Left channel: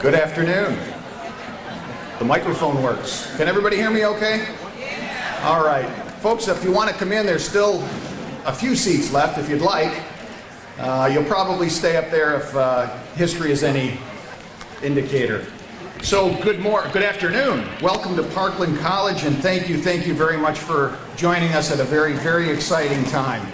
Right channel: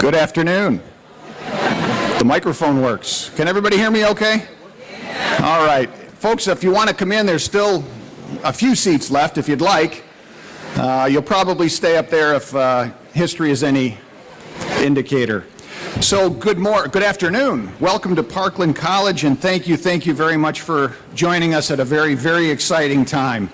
Good afternoon. The microphone works. Can everybody hear me okay? All right. Folks, if you want to come in, there's still a few seats left if you'd like. You'll probably stay up there if history is any indicator. So good afternoon. Welcome to Parkland College, and thank you very much for joining us at a very, very exciting time.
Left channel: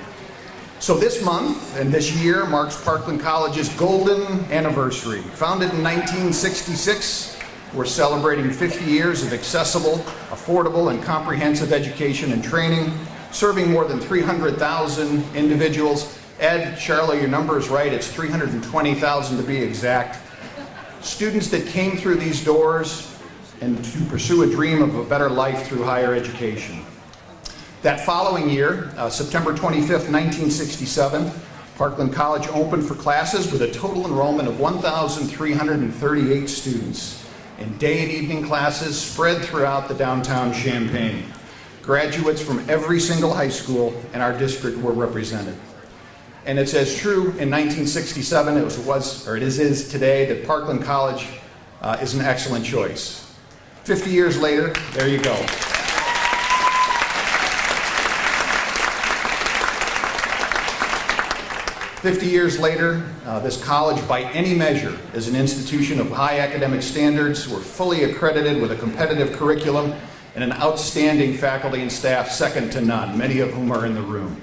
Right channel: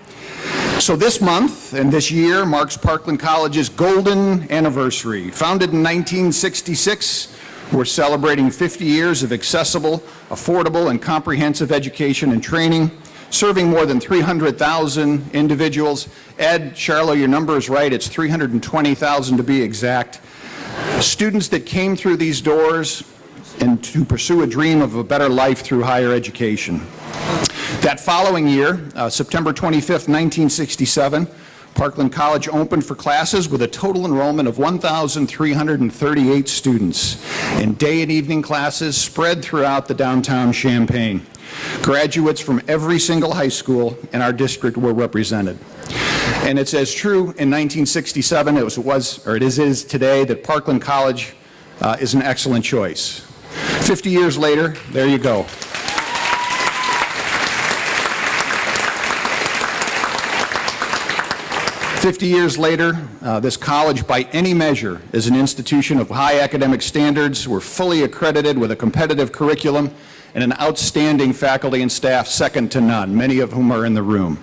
So this month and this year marks Parkland College's golden anniversary. Founded in 1966, we're celebrating 50 years of accessible, affordable, and comprehensive education and training, serving more than 300,000 individuals. Ed, Charlo, your number is right. It's 320,000 to be exact. Students that came through these doors and to pursue a dream of a better life through higher education. That following year, September 25th, 1967, Parkland College opened for classes with a total enrollment of 1,338 students in day and evening classes spread throughout the downtown Champaign. Graduates from every single high school in our district were represented. And it's as true in 1967 as it is today that Parkland College is an excellent choice. 50 years later, there you go. 50 years later, this college, by any measure, is an institution of high academic standards. We're fully accredited with a competitive curriculum and an outstanding faculty and staff second to none, many of whom are in the room.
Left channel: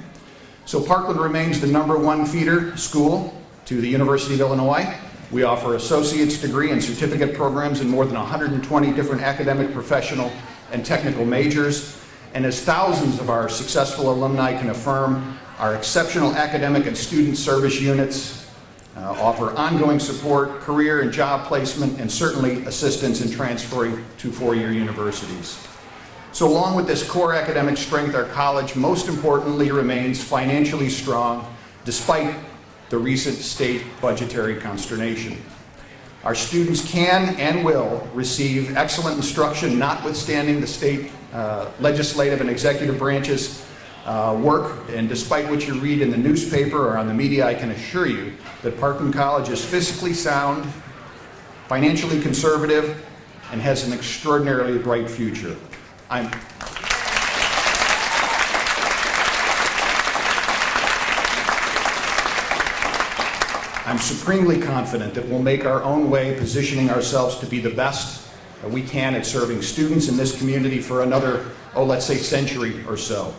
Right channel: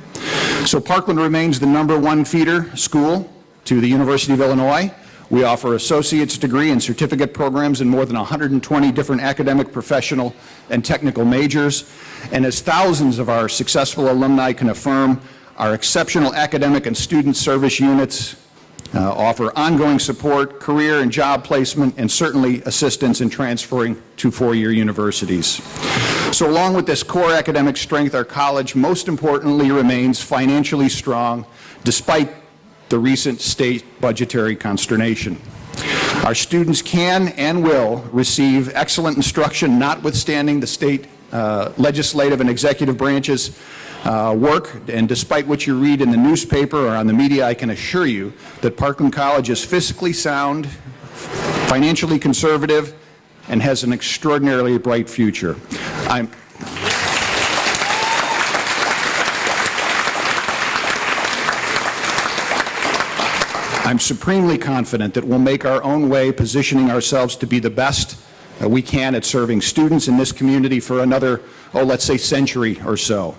So Parkland remains the #1 feeder school to the University of Illinois. We offer associate's degree and certificate programs in more than 120 different academic, professional, and technical majors. And as thousands of our successful alumni can affirm, our exceptional academic and student service units offer ongoing support, career and job placement, and certainly assistance in transferring to four-year universities. So along with this core academic strength, our college most importantly remains financially strong despite the recent state budgetary consternation. Our students can and will receive excellent instruction notwithstanding the state legislative and executive branches work, and despite what you read in the newspaper or on the media, I can assure you that Parkland College is fiscally sound, financially conservative, and has an extraordinarily bright future. I'm supremely confident that we'll make our own way, positioning ourselves to be the best we can at serving students in this community for another, let's say, century or so.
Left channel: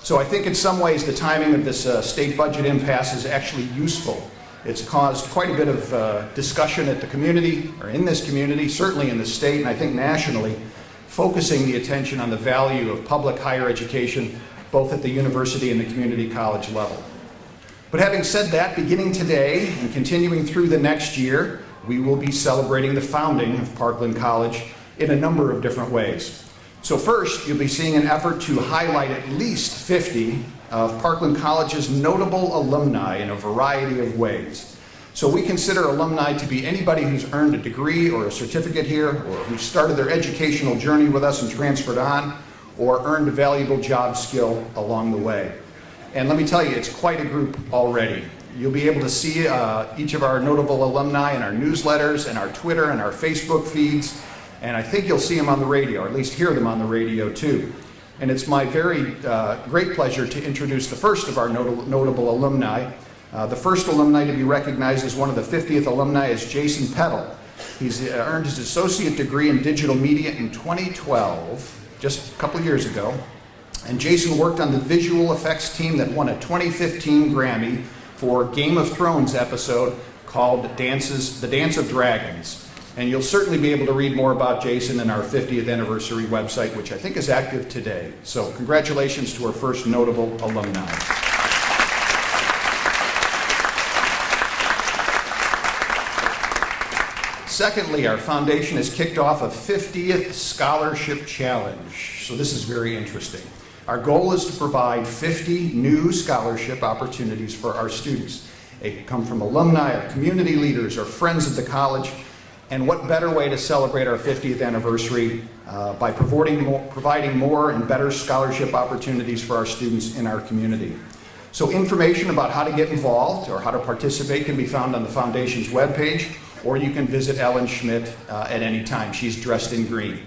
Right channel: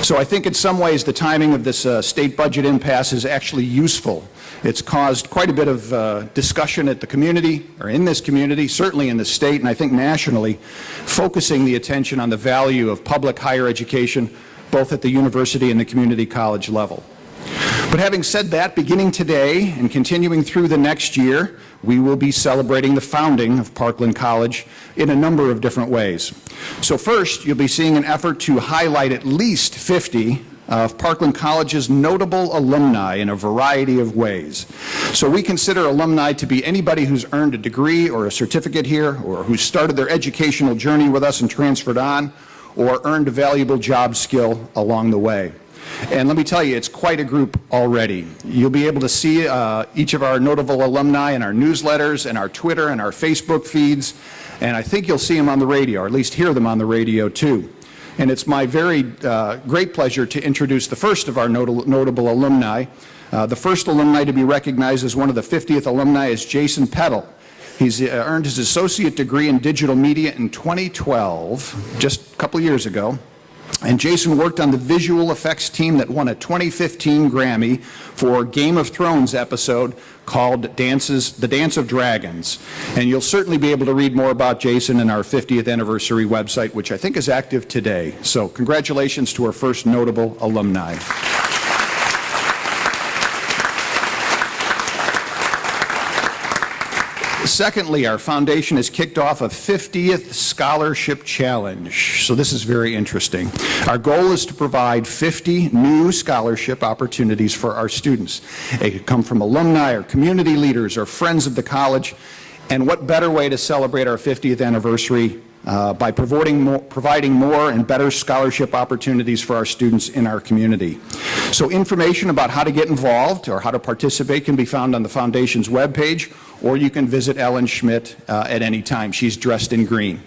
So I think in some ways the timing of this state budget impasse is actually useful. It's caused quite a bit of discussion at the community, or in this community, certainly in the state, and I think nationally, focusing the attention on the value of public higher education, both at the university and the community college level. But having said that, beginning today and continuing through the next year, we will be celebrating the founding of Parkland College in a number of different ways. So first, you'll be seeing an effort to highlight at least 50 of Parkland College's notable alumni in a variety of ways. So we consider alumni to be anybody who's earned a degree or a certificate here, or who started their educational journey with us and transferred on, or earned a valuable job skill along the way. And let me tell you, it's quite a group already. You'll be able to see each of our notable alumni in our newsletters and our Twitter and our Facebook feeds. And I think you'll see them on the radio, or at least hear them on the radio too. And it's my very great pleasure to introduce the first of our notable alumni. The first alumni to be recognized as one of the 50th alumni is Jason Peddle. He's earned his associate degree in digital media in 2012, just a couple years ago. And Jason worked on the visual effects team that won a 2015 Grammy for Game of Thrones episode called The Dance of Dragons. And you'll certainly be able to read more about Jason in our 50th anniversary website, which I think is active today. So congratulations to our first notable alumni. Secondly, our foundation has kicked off a 50th Scholarship Challenge. So this is very interesting. Our goal is to provide 50 new scholarship opportunities for our students. They could come from alumni or community leaders or friends of the college. And what better way to celebrate our 50th anniversary by providing more and better scholarship opportunities for our students in our community. So information about how to get involved or how to participate can be found on the Foundation's webpage or you can visit Ellen Schmidt at any time. She's dressed in green.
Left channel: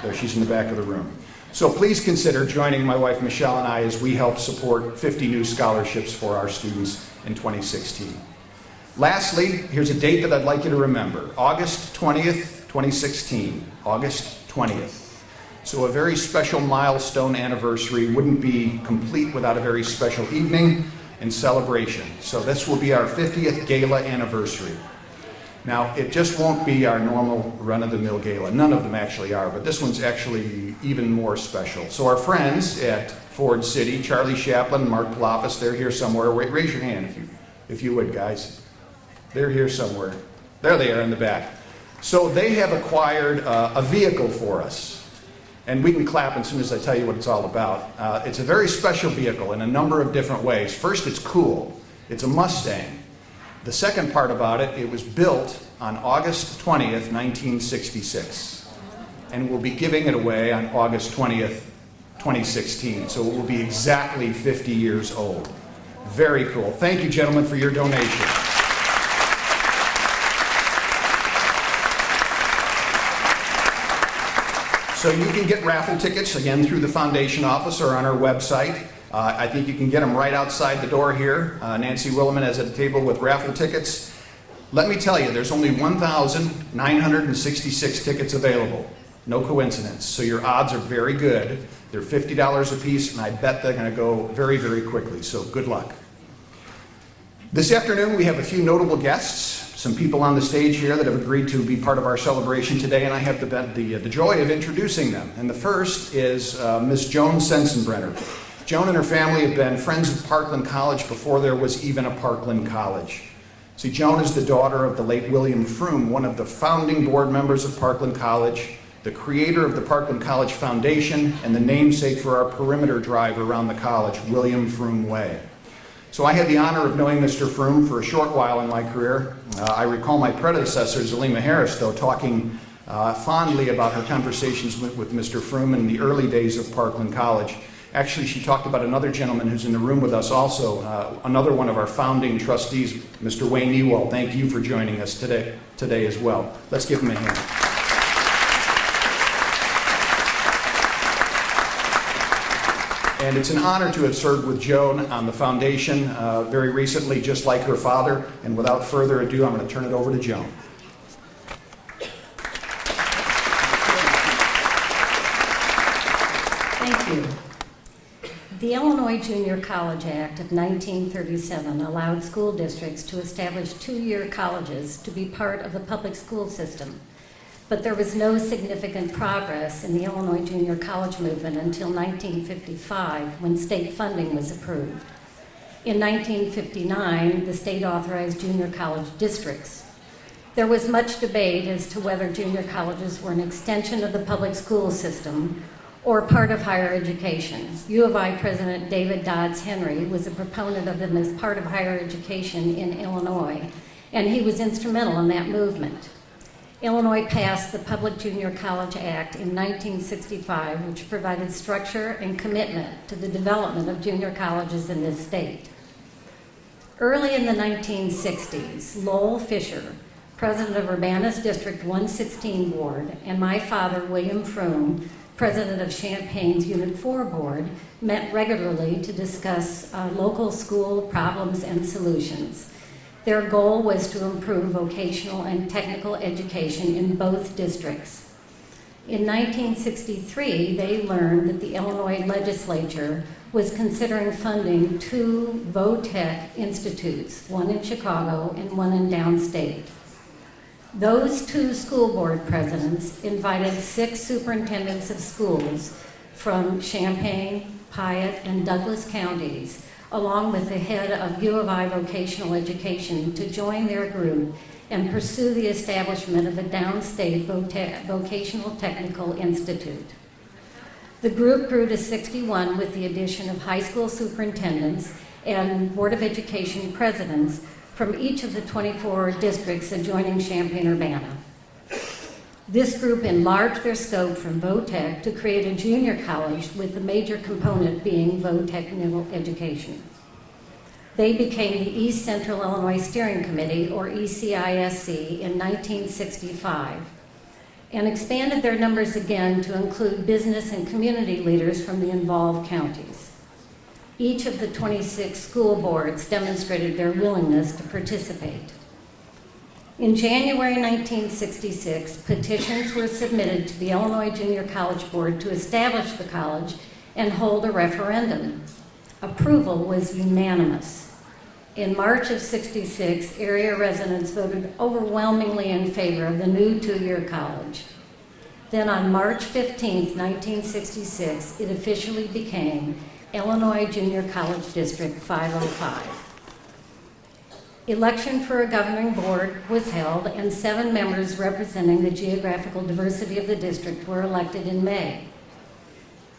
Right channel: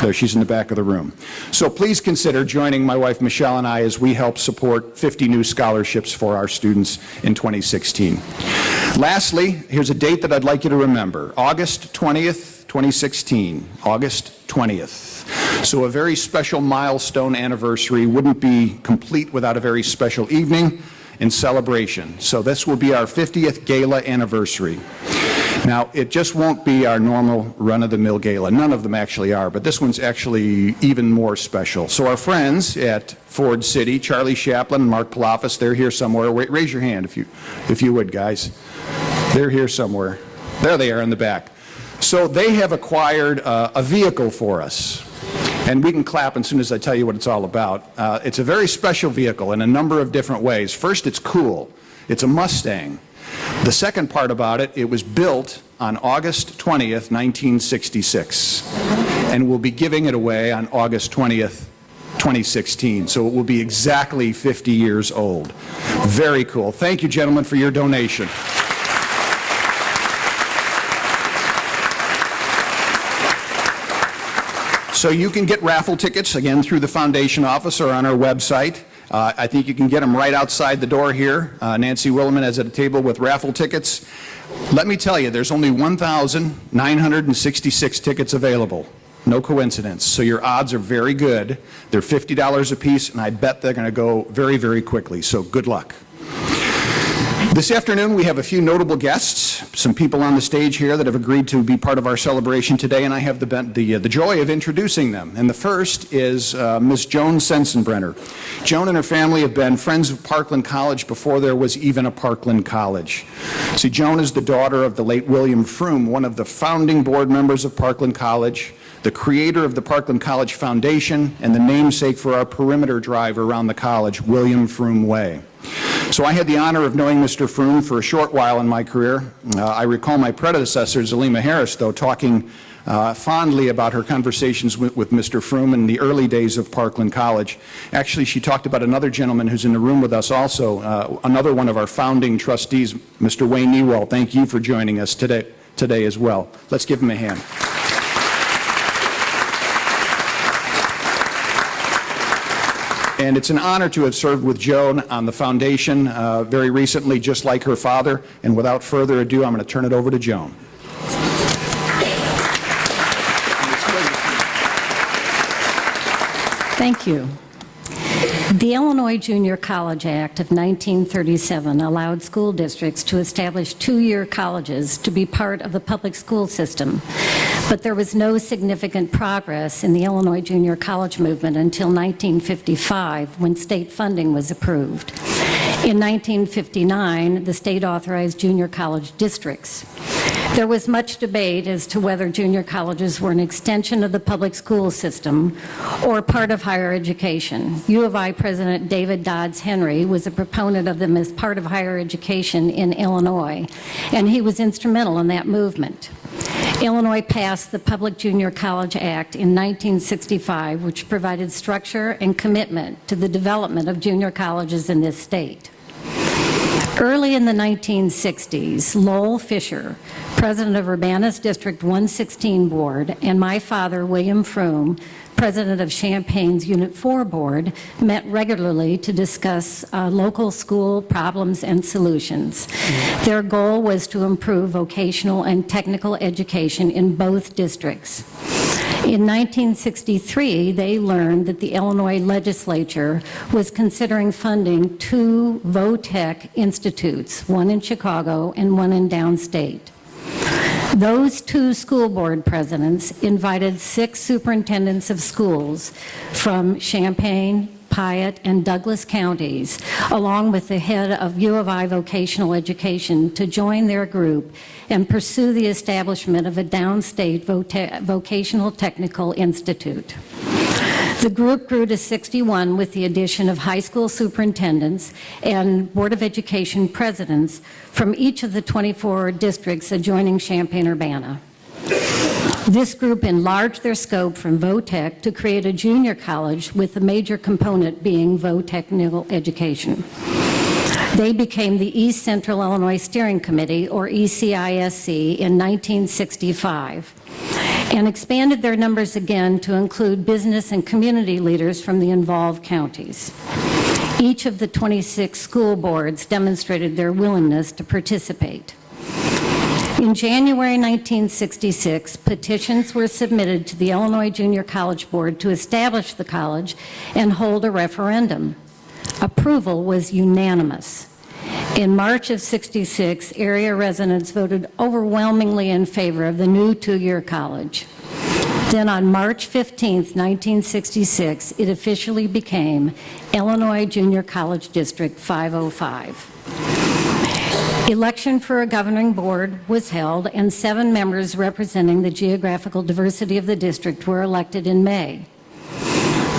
There, she's in the back of the room. So please consider joining my wife Michelle and I as we help support 50 new scholarships for our students in 2016. Lastly, here's a date that I'd like you to remember. August 20th, 2016. August 20th. So a very special milestone anniversary wouldn't be complete without a very special evening and celebration. So this will be our 50th gala anniversary. Now, it just won't be our normal run-of-the-mill gala. None of them actually are, but this one's actually even more special. So our friends at Ford City, Charlie Chaplin and Mark Palafis, they're here somewhere. Wait, raise your hand if you would, guys. They're here somewhere. There they are in the back. So they have acquired a vehicle for us. And we can clap as soon as I tell you what it's all about. It's a very special vehicle in a number of different ways. First, it's cool. It's a Mustang. The second part about it, it was built on August 20th, 1966. And we'll be giving it away on August 20th, 2016. So it will be exactly 50 years old. Very cool. Thank you, gentlemen, for your donation. So you can get raffle tickets, again, through the foundation office or on our website. I think you can get them right outside the door here. Nancy Williman has a table with raffle tickets. Let me tell you, there's only 1,966 tickets available. No coincidence. So your odds are very good. They're $50 a piece, and I bet they're going to go very, very quickly. So good luck. This afternoon, we have a few notable guests, some people on the stage here that have agreed to be part of our celebration today, and I have the joy of introducing them. And the first is Miss Joan Sensenbrenner. Joan and her family have been friends of Parkland College before there was even a Parkland College. See, Joan is the daughter of the late William Froome, one of the founding board members of Parkland College, the creator of the Parkland College Foundation, and the namesake for our perimeter drive around the college, William Froome Way. So I had the honor of knowing Mr. Froome for a short while in my career. I recall my predecessor, Zalima Harris, though, talking fondly about her conversations with Mr. Froome in the early days of Parkland College. Actually, she talked about another gentleman who's in the room with us also, another one of our founding trustees, Mr. Wayne Newell. Thank you for joining us today as well. Let's give him a hand. And it's an honor to have served with Joan on the foundation very recently, just like her father. And without further ado, I'm going to turn it over to Joan. Thank you. The Illinois Junior College Act of 1937 allowed school districts to establish two-year colleges to be part of the public school system, but there was no significant progress in the Illinois junior college movement until 1955, when state funding was approved. In 1959, the state authorized junior college districts. There was much debate as to whether junior colleges were an extension of the public school system or part of higher education. U of I President David Dodds Henry was a proponent of them as part of higher education in Illinois, and he was instrumental in that movement. Illinois passed the Public Junior College Act in 1965, which provided structure and commitment to the development of junior colleges in this state. Early in the 1960s, Lowell Fisher, president of Urbanus District 116 Board, and my father, William Froome, president of Champaign's Unit 4 Board, met regularly to discuss local school problems and solutions. Their goal was to improve vocational and technical education in both districts. In 1963, they learned that the Illinois legislature was considering funding two vo-tech institutes, one in Chicago and one in downstate. Those two school board presidents invited 6 superintendents of schools from Champaign, Piatt, and Douglas counties, along with the head of U of I Vocational Education, to join their group and pursue the establishment of a downstate vocational technical institute. The group grew to 61 with the addition of high school superintendents and Board of Education presidents from each of the 24 districts adjoining Champaign-Urbana. This group enlarged their scope from vo-tech to create a junior college, with the major component being vo-technical education. They became the East Central Illinois Steering Committee, or ECISC, in 1965, and expanded their numbers again to include business and community leaders from the involved counties. Each of the 26 school boards demonstrated their willingness to participate. In January 1966, petitions were submitted to the Illinois Junior College Board to establish the college and hold a referendum. Approval was unanimous. In March of '66, area residents voted overwhelmingly in favor of the new two-year college. Then on March 15, 1966, it officially became Illinois Junior College District 505. Election for a governing board was held, and 7 members representing the geographical diversity of the district were elected in May.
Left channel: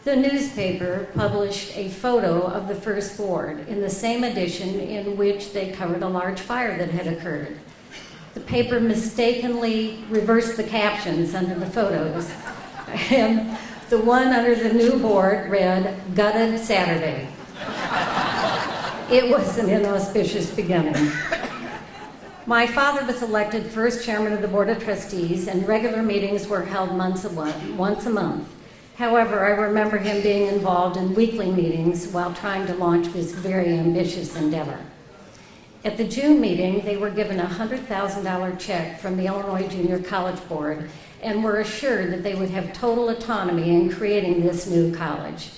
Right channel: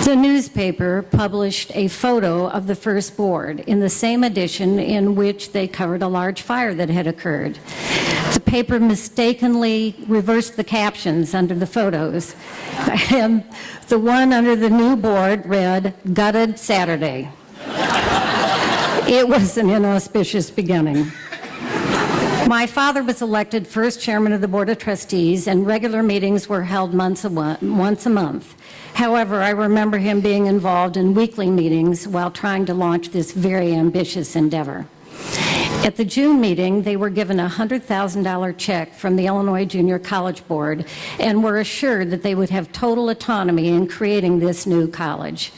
The newspaper published a photo of the first board in the same edition in which they covered a large fire that had occurred. The paper mistakenly reversed the captions under the photos, and the one under the new board read, "Gutted Saturday." It was an inauspicious beginning. My father was elected first chairman of the Board of Trustees, and regular meetings were held once a month. However, I remember him being involved in weekly meetings while trying to launch this very ambitious endeavor. At the June meeting, they were given a $100,000 check from the Illinois Junior College Board and were assured that they would have total autonomy in creating this new college.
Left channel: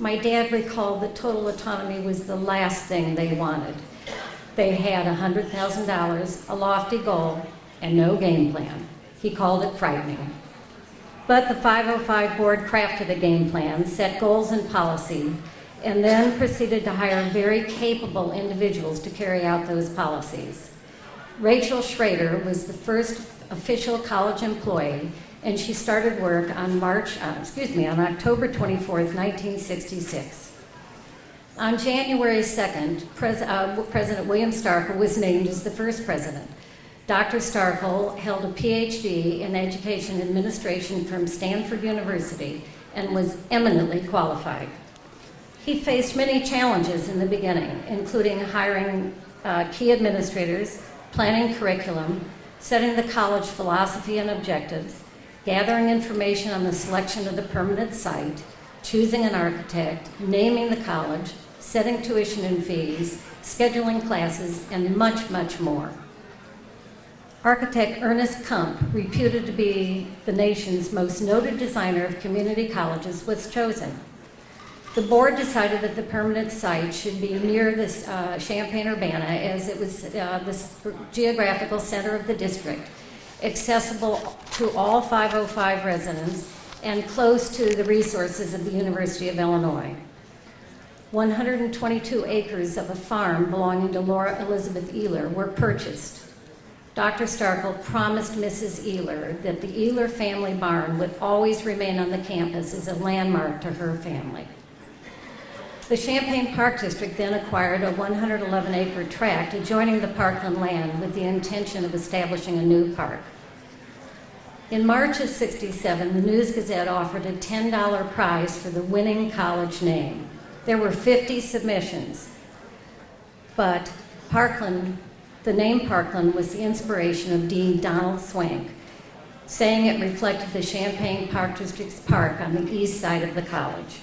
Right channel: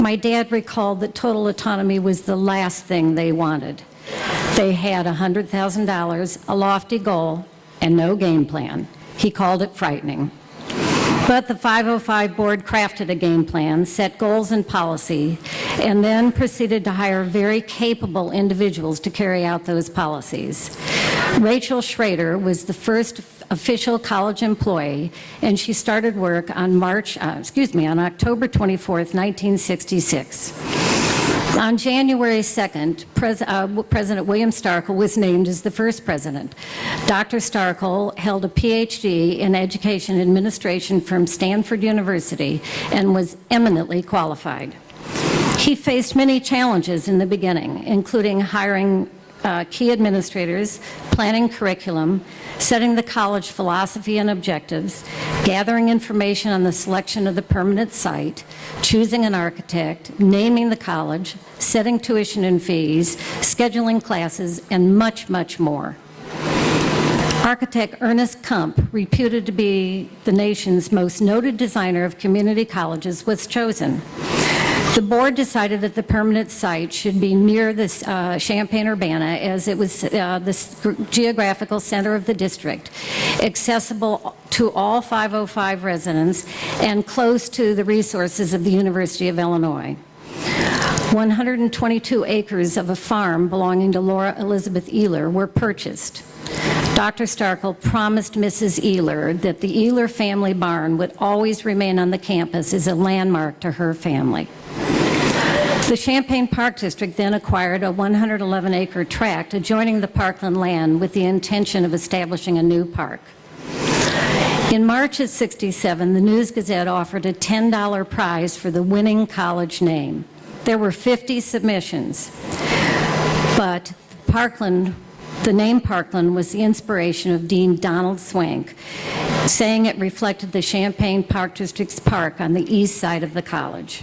My dad recalled that total autonomy was the last thing they wanted. They had $100,000, a lofty goal, and no game plan. He called it frightening. But the 505 board crafted a game plan, set goals and policy, and then proceeded to hire very capable individuals to carry out those policies. Rachel Schrader was the first official college employee, and she started work on October 24th, 1966. On January 2nd, President William Starkle was named as the first president. Dr. Starkle held a PhD in education administration from Stanford University and was eminently qualified. He faced many challenges in the beginning, including hiring key administrators, planning curriculum, setting the college philosophy and objectives, gathering information on the selection of the permanent site, choosing an architect, naming the college, setting tuition and fees, scheduling classes, and much, much more. Architect Ernest Kump, reputed to be the nation's most noted designer of community colleges, was chosen. The board decided that the permanent site should be near this Champaign-Urbana, as it was the geographical center of the district, accessible to all 505 residents, and close to the resources of the University of Illinois. 122 acres of a farm belonging to Laura Elizabeth Ehler were purchased. Dr. Starkle promised Mrs. Ehler that the Ehler family barn would always remain on the campus as a landmark to her family. The Champaign Park District then acquired a 111-acre tract adjoining the Parkland land with the intention of establishing a new park. In March of '67, the News-Gazette offered a $10 prize for the winning college name. There were 50 submissions, but Parkland, the name Parkland, was the inspiration of Dean Donald Swank, saying it reflected the Champaign Park District's park on the east side of the college.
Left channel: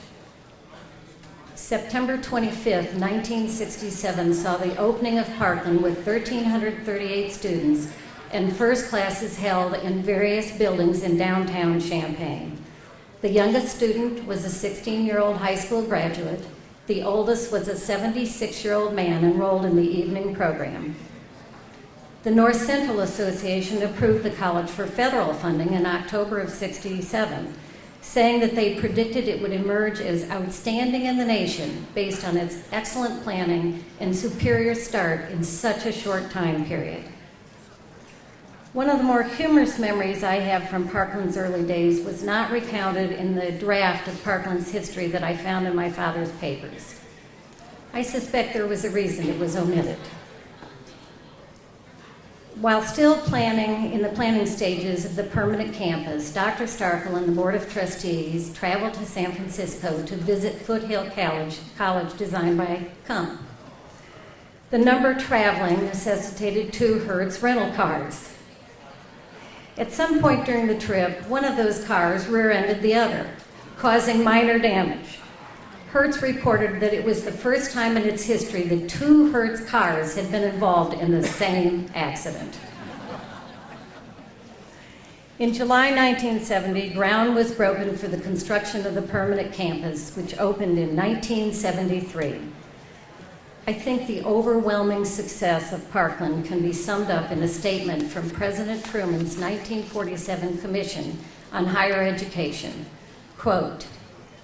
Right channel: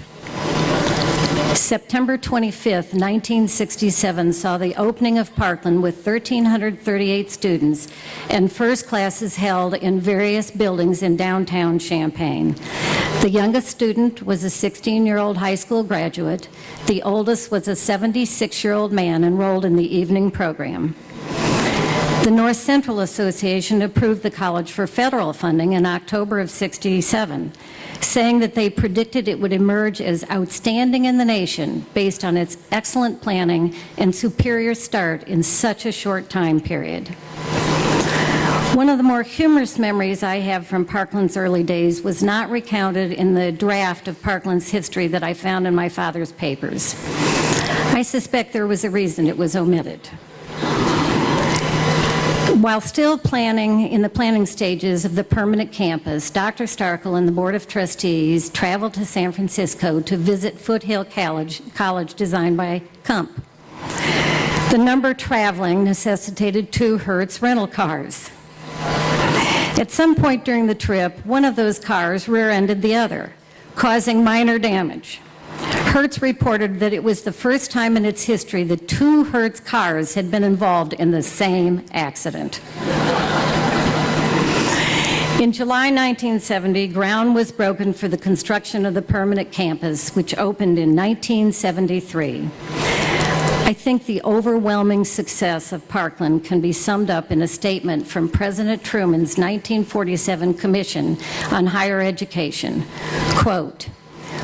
September 25th, 1967 saw the opening of Parkland with 1,338 students and first classes held in various buildings in downtown Champaign. The youngest student was a 16-year-old high school graduate. The oldest was a 76-year-old man enrolled in the evening program. The North Central Association approved the college for federal funding in October of '67, saying that they predicted it would emerge as outstanding in the nation based on its excellent planning and superior start in such a short time period. One of the more humorous memories I have from Parkland's early days was not recounted in the draft of Parkland's history that I found in my father's papers. I suspect there was a reason it was omitted. While still in the planning stages of the permanent campus, Dr. Starkle and the Board of Trustees traveled to San Francisco to visit Foothill College designed by Kump. The number traveling necessitated 2 Hertz rental cars. At some point during the trip, one of those cars rear-ended the other, causing minor damage. Hertz reported that it was the first time in its history that 2 Hertz cars had been involved in the same accident. In July 1970, ground was broken for the construction of the permanent campus, which opened in 1973. I think the overwhelming success of Parkland can be summed up in a statement from President Truman's 1947 Commission on Higher Education. Quote,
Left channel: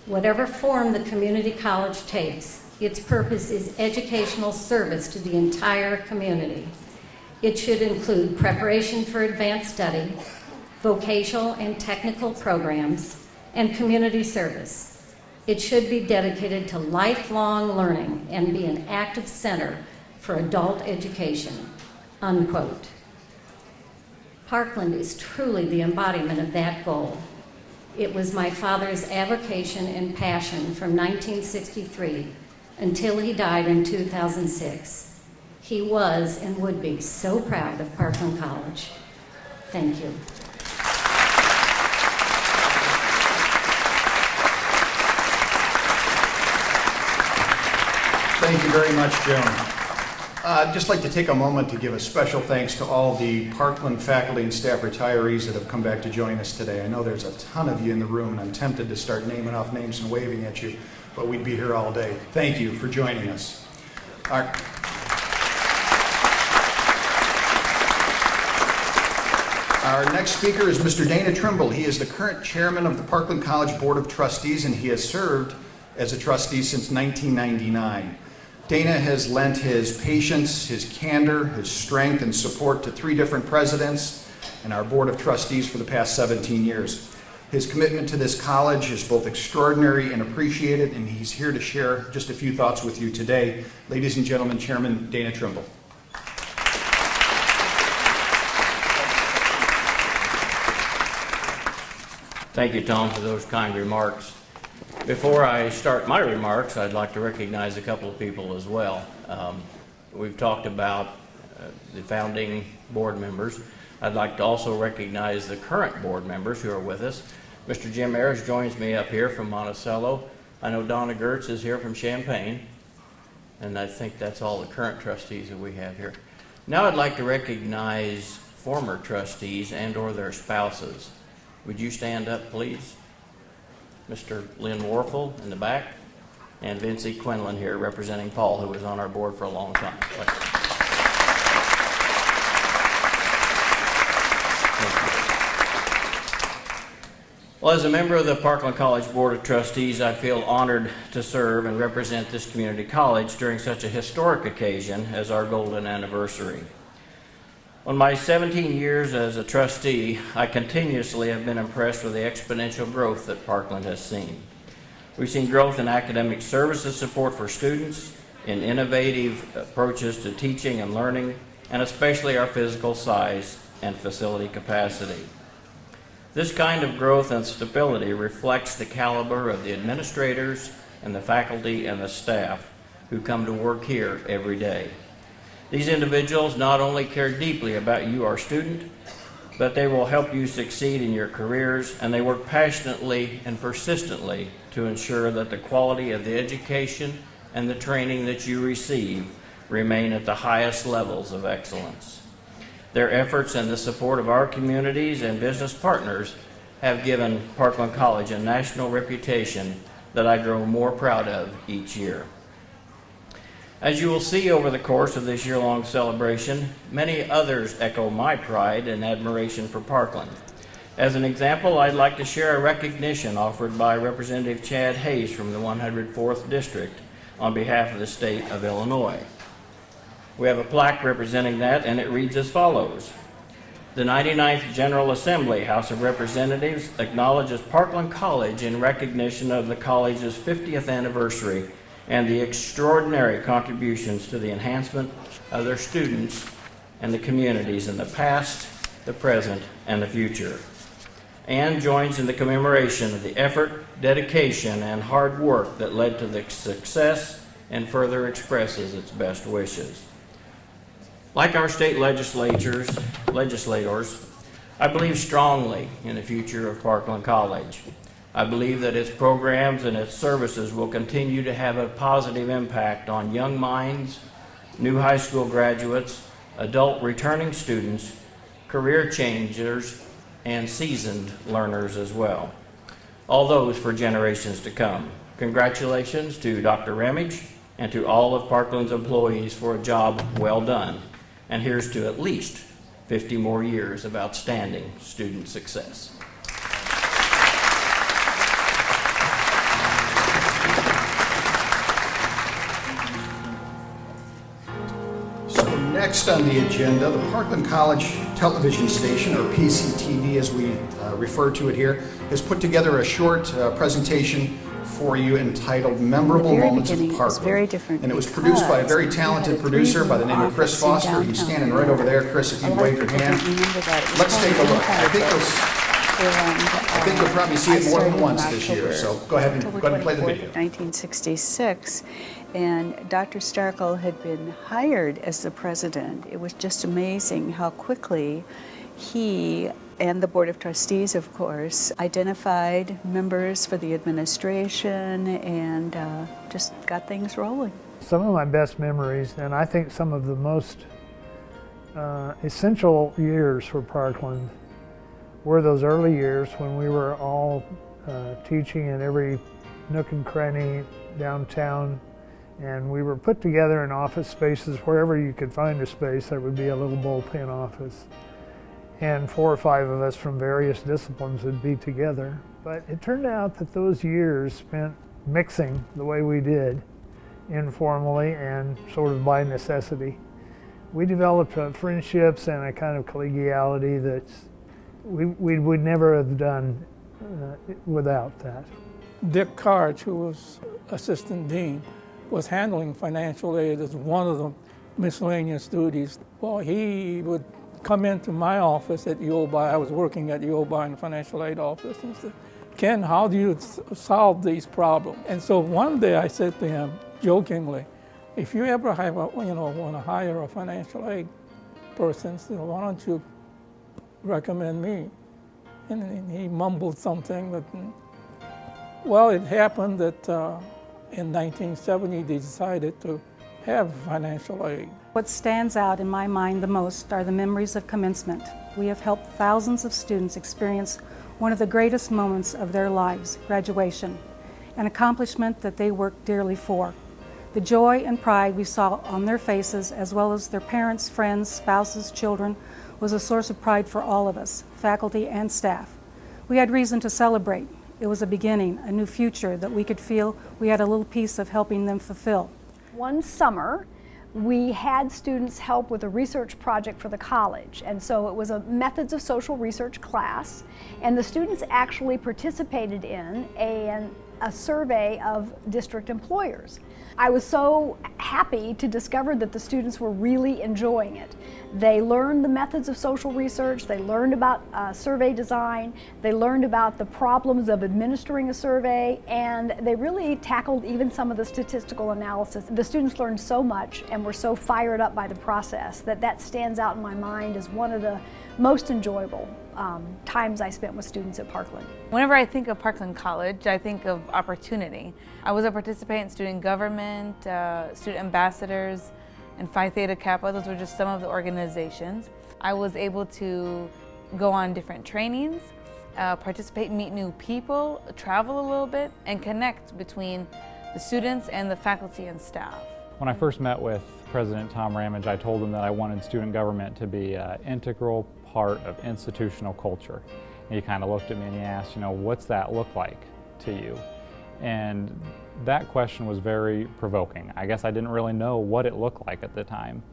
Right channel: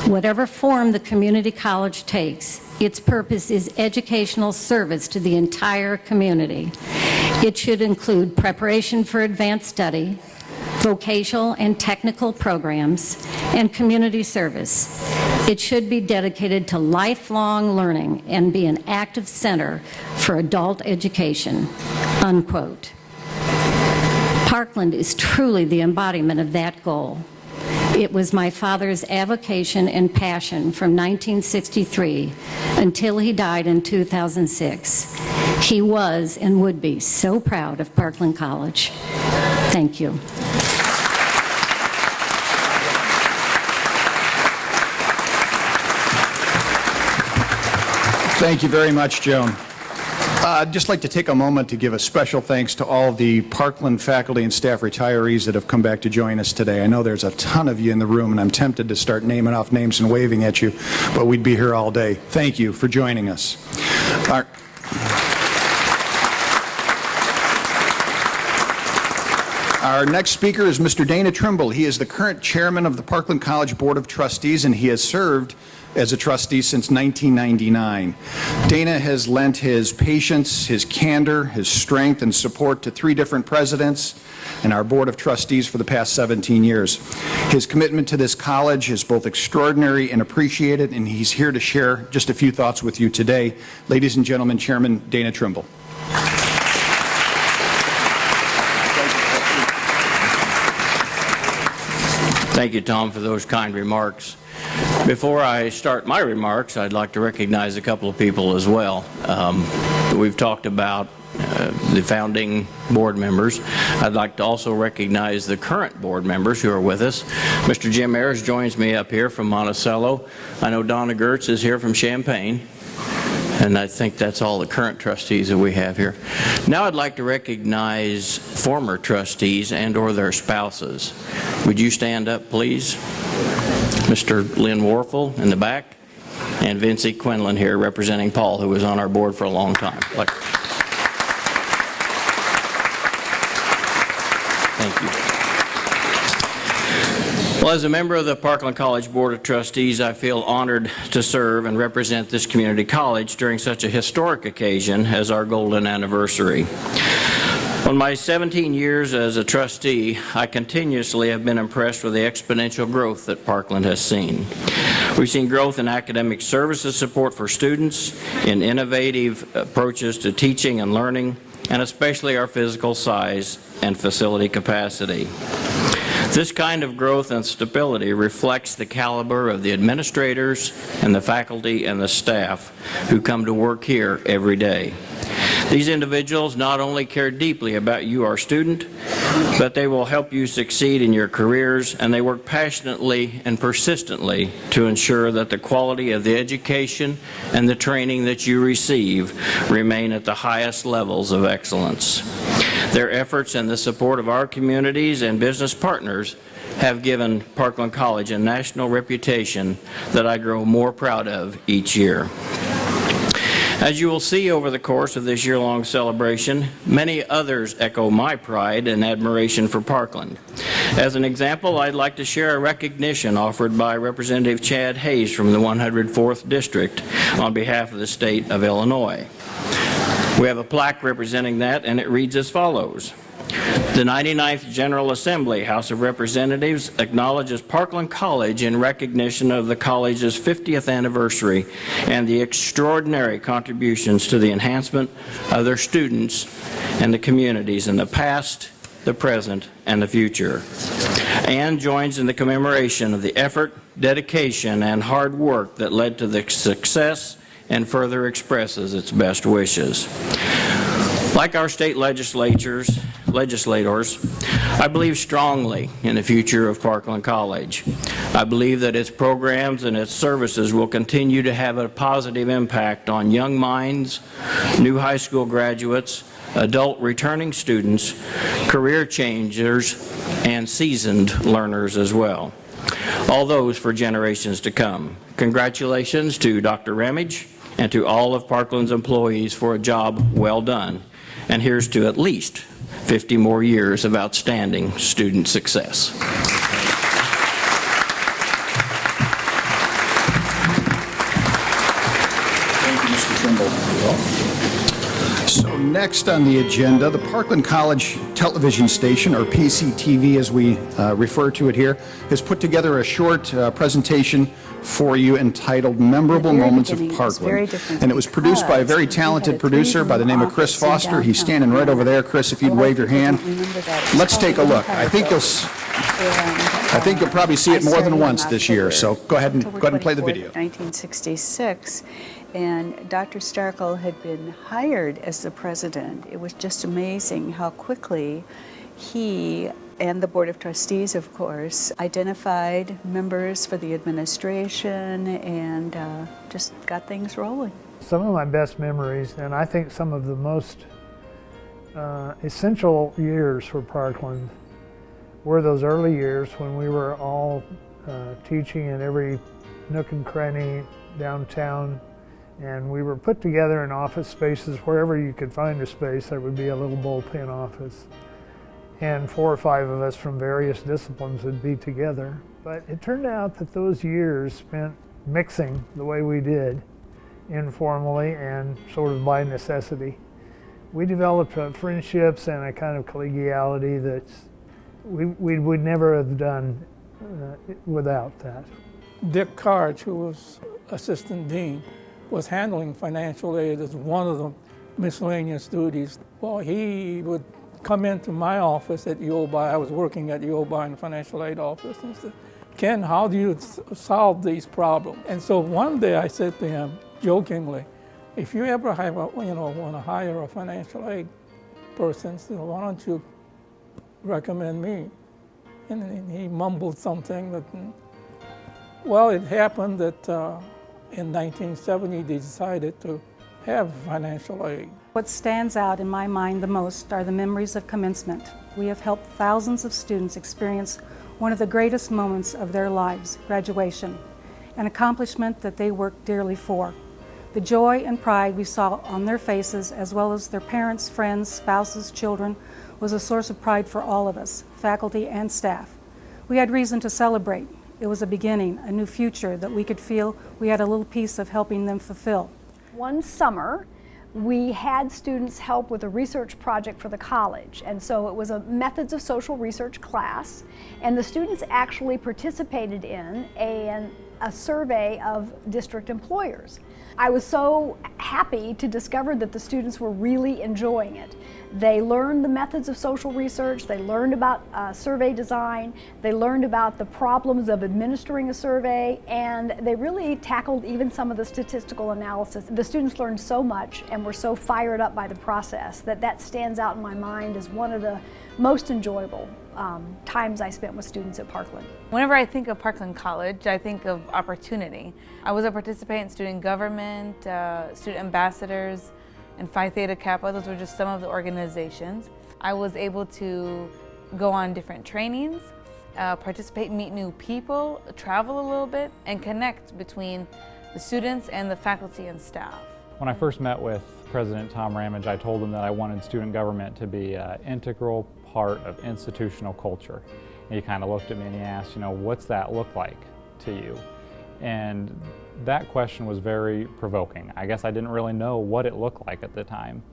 "Whatever form the community college takes, its purpose is educational service to the entire community. It should include preparation for advanced study, vocational and technical programs, and community service. It should be dedicated to lifelong learning and be an active center for adult education." Unquote. Parkland is truly the embodiment of that goal. It was my father's avocation and passion from 1963 until he died in 2006. He was and would be so proud of Parkland College. Thank you. Thank you very much, Joan. I'd just like to take a moment to give a special thanks to all the Parkland faculty and staff retirees that have come back to join us today. I know there's a ton of you in the room, and I'm tempted to start naming off names and waving at you, but we'd be here all day. Thank you for joining us. Our next speaker is Mr. Dana Trimble. He is the current chairman of the Parkland College Board of Trustees, and he has served as a trustee since 1999. Dana has lent his patience, his candor, his strength, and support to 3 different presidents and our Board of Trustees for the past 17 years. His commitment to this college is both extraordinary and appreciated, and he's here to share just a few thoughts with you today. Ladies and gentlemen, Chairman Dana Trimble. Thank you, Tom, for those kind remarks. Before I start my remarks, I'd like to recognize a couple of people as well. We've talked about the founding board members. I'd like to also recognize the current board members who are with us. Mr. Jim Ayers joins me up here from Monticello. I know Donna Gertz is here from Champaign. And I think that's all the current trustees that we have here. Now I'd like to recognize former trustees and or their spouses. Would you stand up, please? Mr. Lynn Warfel in the back, and Vincey Quinlan here representing Paul, who was on our board for a long time. Thank you. Well, as a member of the Parkland College Board of Trustees, I feel honored to serve and represent this community college during such a historic occasion as our golden anniversary. On my 17 years as a trustee, I continuously have been impressed with the exponential growth that Parkland has seen. We've seen growth in academic services support for students, in innovative approaches to teaching and learning, and especially our physical size and facility capacity. This kind of growth and stability reflects the caliber of the administrators and the faculty and the staff who come to work here every day. These individuals not only care deeply about you, our student, but they will help you succeed in your careers, and they work passionately and persistently to ensure that the quality of the education and the training that you receive remain at the highest levels of excellence. Their efforts and the support of our communities and business partners have given Parkland College a national reputation that I grow more proud of each year. As you will see over the course of this year-long celebration, many others echo my pride and admiration for Parkland. As an example, I'd like to share a recognition offered by Representative Chad Hayes from the 104th District on behalf of the state of Illinois. We have a plaque representing that, and it reads as follows. The 99th General Assembly, House of Representatives, acknowledges Parkland College in recognition of the college's 50th anniversary and the extraordinary contributions to the enhancement of their students and the communities in the past, the present, and the future, and joins in the commemoration of the effort, dedication, and hard work that led to the success and further expresses its best wishes. Like our state legislators, I believe strongly in the future of Parkland College. I believe that its programs and its services will continue to have a positive impact on young minds, new high school graduates, adult returning students, career changers, and seasoned learners as well. All those for generations to come. Congratulations to Dr. Ramage and to all of Parkland's employees for a job well done. And here's to at least 50 more years of outstanding student success. Thank you, Mr. Trimble. So next on the agenda, the Parkland College Television Station, or PCTV as we refer to it here, has put together a short presentation for you entitled Memorable Moments of Parkland. And it was produced by a very talented producer by the name of Chris Foster. He's standing right over there. Chris, if you'd wave your hand. Let's take a look. I think you'll probably see it more than once this year. So go ahead and play the video. 1966, and Dr. Starkle had been hired as the president. It was just amazing how quickly he and the Board of Trustees, of course, identified members for the administration and just got things rolling. Some of my best memories, and I think some of the most essential years for Parkland, were those early years when we were all teaching in every nook and cranny downtown, and we were put together in office spaces. Wherever you could find a space, there would be a little bullpen office. And 4 or 5 of us from various disciplines would be together. But it turned out that those years spent mixing the way we did, informally and sort of by necessity. We developed friendships and a kind of collegiality that we would never have done without that. Dick Karch, who was assistant dean, was handling financial aid as one of the miscellaneous duties. Well, he would come into my office at UOBI. I was working at UOBI in the financial aid office, and said, "Ken, how do you solve these problems?" And so one day I said to him, jokingly, "If you ever have want to hire a financial aid person, so why don't you recommend me?" And he mumbled something that, well, it happened that in 1970 they decided to have financial aid. What stands out in my mind the most are the memories of commencement. We have helped thousands of students experience one of the greatest moments of their lives, graduation, an accomplishment that they worked dearly for. The joy and pride we saw on their faces, as well as their parents, friends, spouses, children, was a source of pride for all of us, faculty and staff. We had reason to celebrate. It was a beginning, a new future that we could feel we had a little piece of helping them fulfill. One summer, we had students help with a research project for the college, and so it was a methods of social research class, and the students actually participated in a survey of district employers. I was so happy to discover that the students were really enjoying it. They learned the methods of social research, they learned about survey design, they learned about the problems of administering a survey, and they really tackled even some of the statistical analysis. The students learned so much and were so fired up by the process that stands out in my mind as one of the most enjoyable times I spent with students at Parkland. Whenever I think of Parkland College, I think of opportunity. I was a participant in student government, student ambassadors, and Phi Theta Kappa. Those were just some of the organizations. I was able to go on different trainings, participate, meet new people, travel a little bit, and connect between the students and the faculty and staff. When I first met with President Tom Ramage, I told him that I wanted student government to be an integral part of institutional culture. And he kind of looked at me and he asked, what's that look like to you? And that question was very provoking. I guess I didn't really know what it looked like at the time.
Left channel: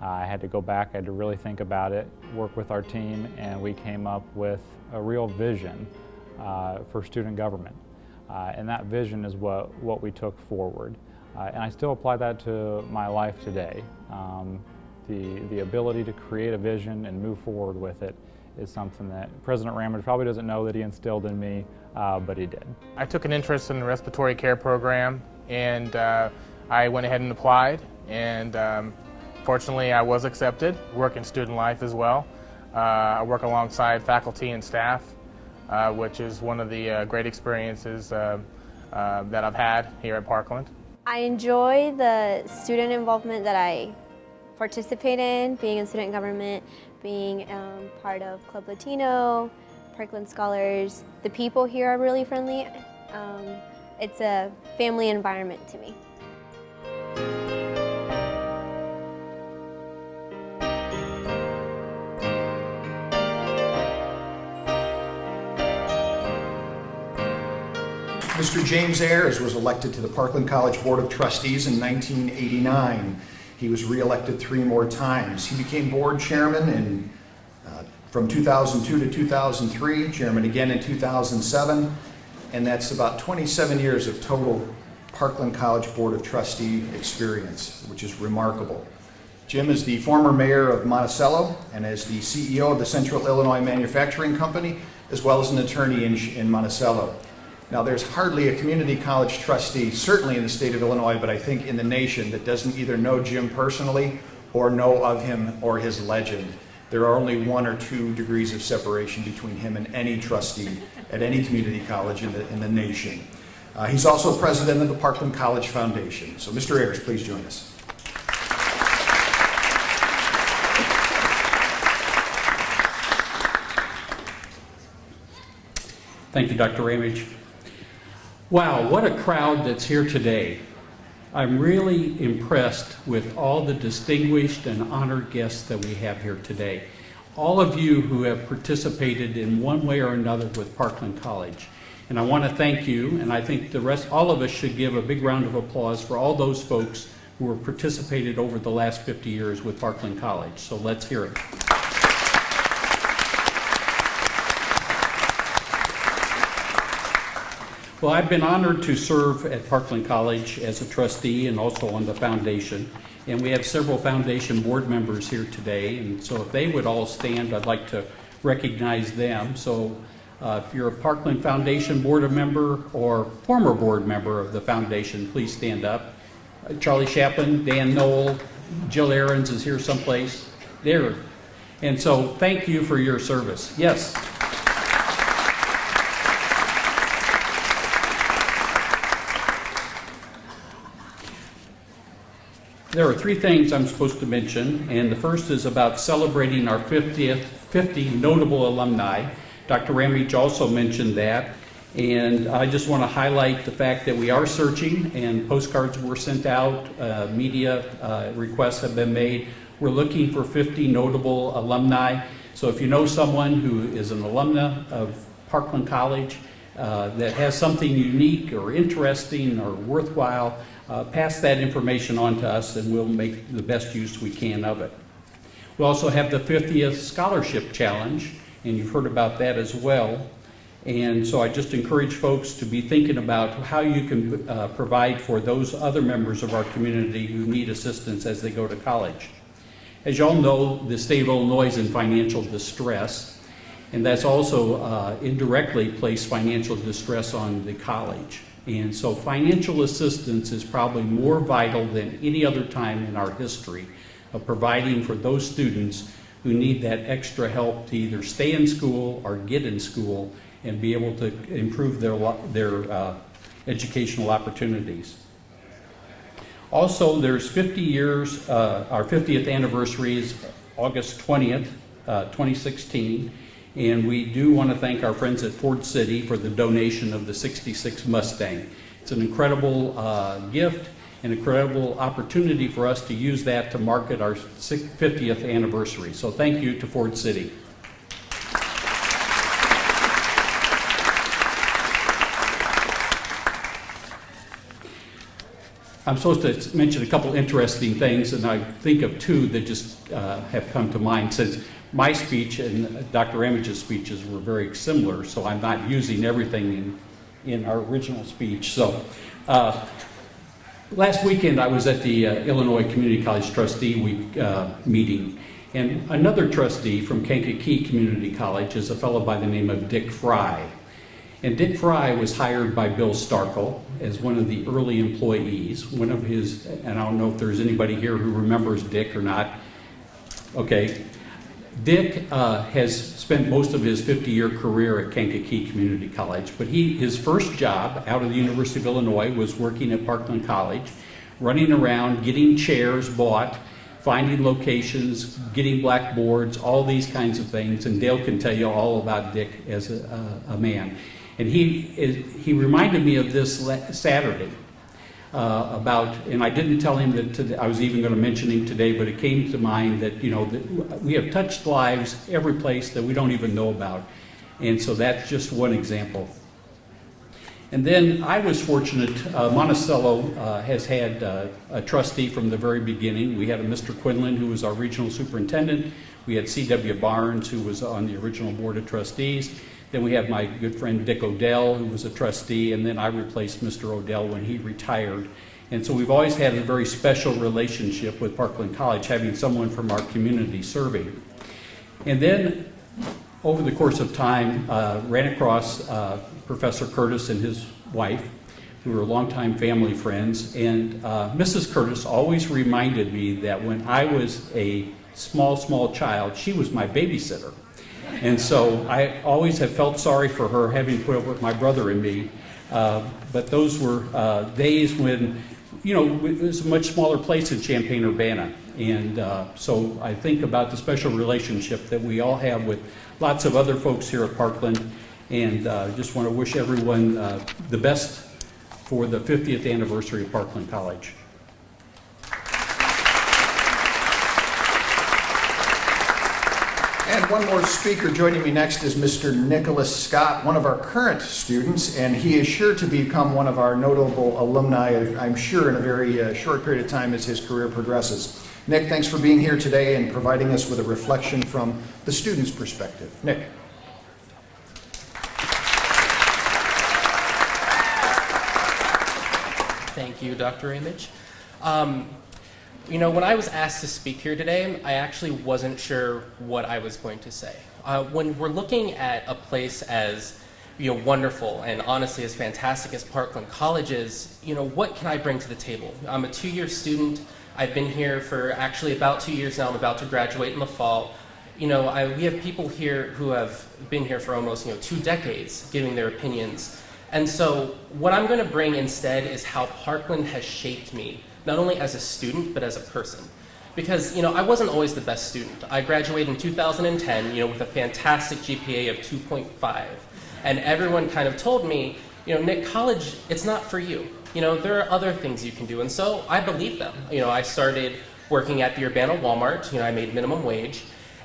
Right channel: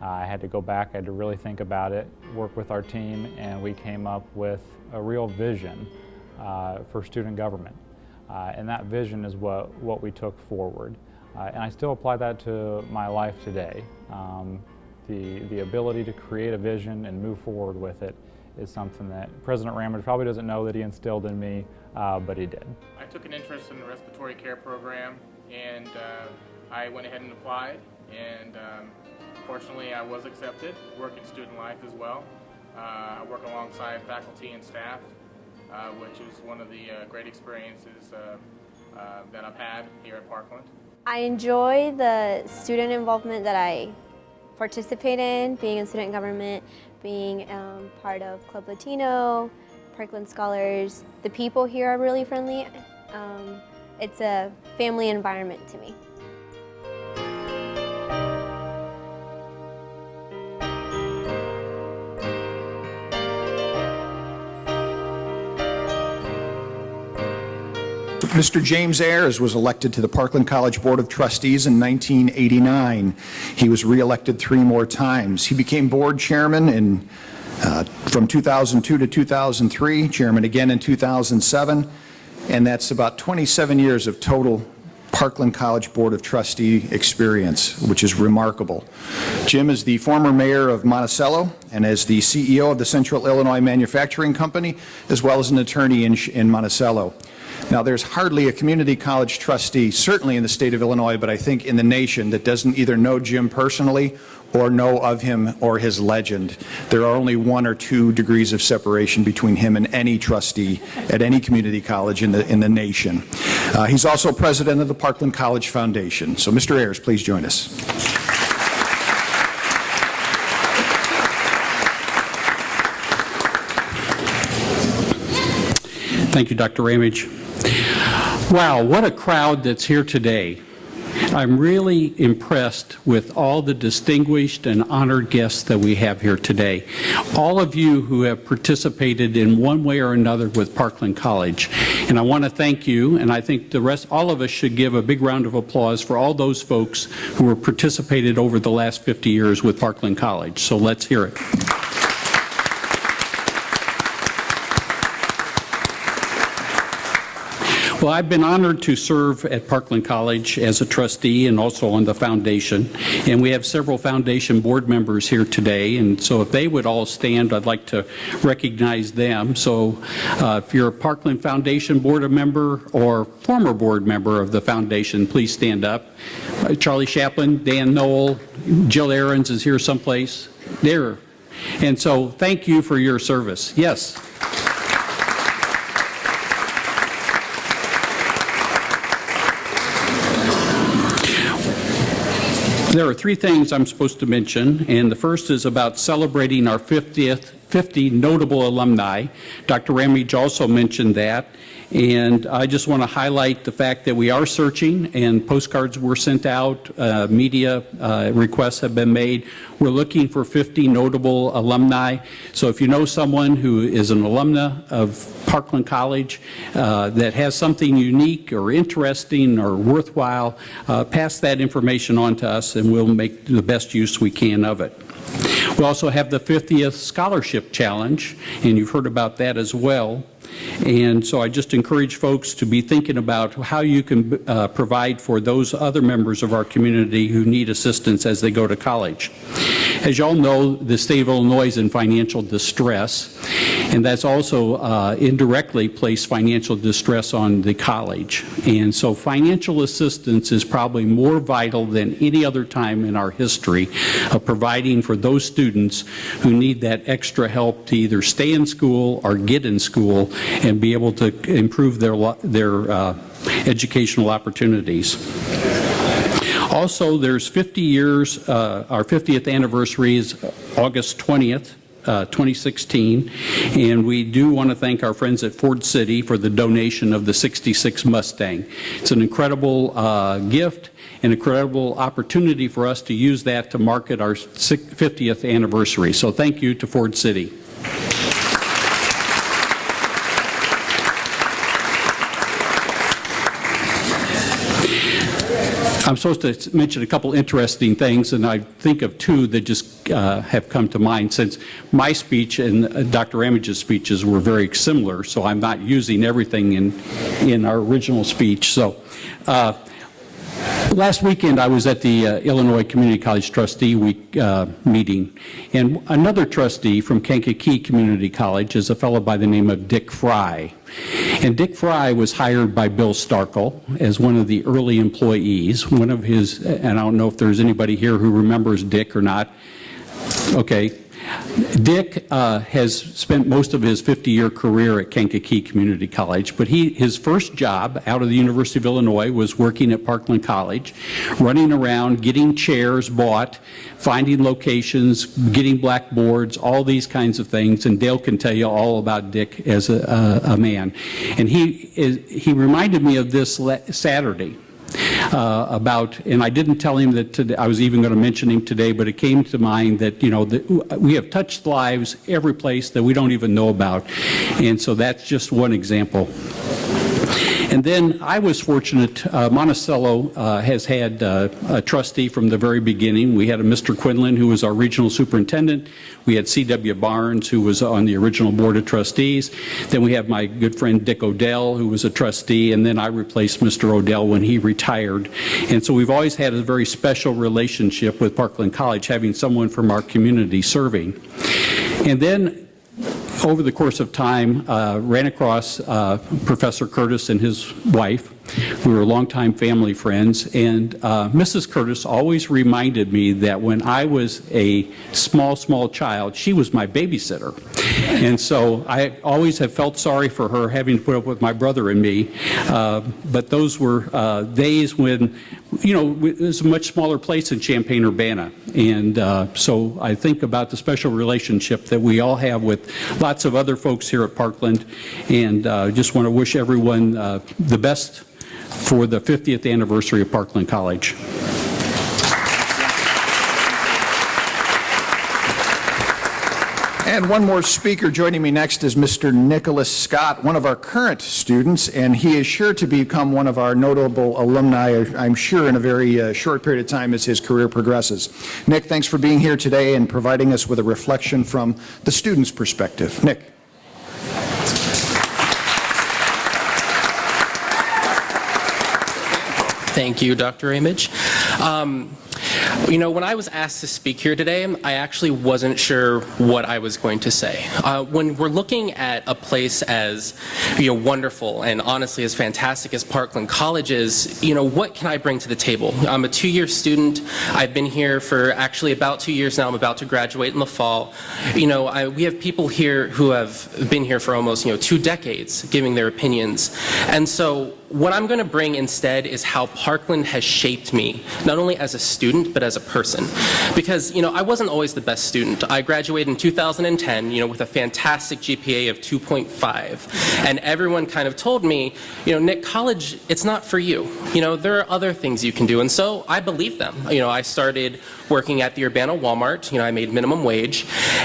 I had to go back, I had to really think about it, work with our team, and we came up with a real vision for student government. And that vision is what we took forward. And I still apply that to my life today. The ability to create a vision and move forward with it is something that President Ramage probably doesn't know that he instilled in me, but he did. I took an interest in the respiratory care program, and I went ahead and applied, and fortunately I was accepted. Work in student life as well. I work alongside faculty and staff, which is one of the great experiences that I've had here at Parkland. I enjoy the student involvement that I participate in, being in student government, being part of Club Latino, Parkland Scholars. The people here are really friendly. It's a family environment to me. Mr. James Ayers was elected to the Parkland College Board of Trustees in 1989. He was re-elected 3 more times. He became board chairman from 2002 to 2003, chairman again in 2007, and that's about 27 years of total Parkland College Board of Trustee experience, which is remarkable. Jim is the former mayor of Monticello and is the CEO of the Central Illinois Manufacturing Company, as well as an attorney in Monticello. Now, there's hardly a community college trustee, certainly in the state of Illinois, but I think in the nation, that doesn't either know Jim personally or know of him or his legend. There are only 1 or 2 degrees of separation between him and any trustee at any community college in the nation. He's also president of the Parkland College Foundation. So, Mr. Ayers, please join us. Thank you, Dr. Ramage. Wow, what a crowd that's here today. I'm really impressed with all the distinguished and honored guests that we have here today. All of you who have participated in one way or another with Parkland College. And I want to thank you, and I think all of us should give a big round of applause for all those folks who have participated over the last 50 years with Parkland College. So let's hear it. Well, I've been honored to serve at Parkland College as a trustee and also on the foundation. And we have several foundation board members here today. And so if they would all stand, I'd like to recognize them. So if you're a Parkland Foundation board member or former board member of the foundation, please stand up. Charlie Chaplin, Dan Knoll, Jill Ahrens is here someplace. There. And so thank you for your service. Yes. There are 3 things I'm supposed to mention, and the first is about celebrating our 50 notable alumni. Dr. Ramage also mentioned that, and I just want to highlight the fact that we are searching, and postcards were sent out, media requests have been made. We're looking for 50 notable alumni. So if you know someone who is an alumna of Parkland College that has something unique or interesting or worthwhile, pass that information on to us and we'll make the best use we can of it. We also have the 50th Scholarship Challenge, and you've heard about that as well. And so I just encourage folks to be thinking about how you can provide for those other members of our community who need assistance as they go to college. As you all know, the state of Illinois is in financial distress, and that's also indirectly placed financial distress on the college. And so financial assistance is probably more vital than any other time in our history of providing for those students who need that extra help to either stay in school or get in school and be able to improve their educational opportunities. Also, there's 50 years, our 50th anniversary is August 20th, 2016, and we do want to thank our friends at Ford City for the donation of the 66 Mustang. It's an incredible gift, an incredible opportunity for us to use that to market our 50th anniversary. So thank you to Ford City. I'm supposed to mention a couple interesting things, and I think of 2 that just have come to mind since my speech and Dr. Ramage's speeches were very similar, so I'm not using everything in our original speech. So Last weekend, I was at the Illinois Community College Trustee Week meeting, and another trustee from Kankakee Community College is a fellow by the name of Dick Fry. And Dick Fry was hired by Bill Starkle as one of the early employees. One of his, and I don't know if there's anybody here who remembers Dick or not. Okay. Dick has spent most of his 50-year career at Kankakee Community College, but his first job out of the University of Illinois was working at Parkland College, running around, getting chairs bought, finding locations, getting blackboards, all these kinds of things, and Dale can tell you all about Dick as a man. And he reminded me of this Saturday. And I didn't tell him that today, I was even going to mention him today, but it came to mind that, you know, that we have touched lives every place that we don't even know about. And so that's just one example. And then I was fortunate, Monticello has had a trustee from the very beginning. We had a Mr. Quinlan, who was our regional superintendent. We had C.W. Barnes, who was on the original board of trustees. Then we have my good friend Dick Odell, who was a trustee, and then I replaced Mr. Odell when he retired. And so we've always had a very special relationship with Parkland College, having someone from our community serving. And then over the course of time, ran across Professor Curtis and his wife. We were longtime family friends, and Mrs. Curtis always reminded me that when I was a small child, she was my babysitter. And so I always have felt sorry for her having put up with my brother and me, but those were days when, you know, it was a much smaller place in Champaign-Urbana. And so I think about the special relationship that we all have with lots of other folks here at Parkland, and just want to wish everyone the best for the 50th anniversary of Parkland College. And one more speaker joining me next is Mr. Nicholas Scott, one of our current students, and he is sure to become one of our notable alumni, I'm sure, in a very short period of time as his career progresses. Nick, thanks for being here today and providing us with a reflection from the student's perspective. Nick. Thank you, Dr. Ramage. You know, when I was asked to speak here today, I actually wasn't sure what I was going to say. When we're looking at a place as, you know, wonderful and honestly as fantastic as Parkland College is, you know, what can I bring to the table? I'm a 2-year student. I've been here for actually about 2 years now. I'm about to graduate in the fall. You know, we have people here who have been here for almost, you know, 2 decades giving their opinions. And so what I'm going to bring instead is how Parkland has shaped me, not only as a student, but as a person. Because, you know, I wasn't always the best student. I graduated in 2010, you know, with a fantastic GPA of 2.5. And everyone kind of told me, you know, Nick, college, it's not for you. You know, there are other things you can do. And so I believed them. You know, I started working at the Urbana Walmart. You know, I made minimum wage.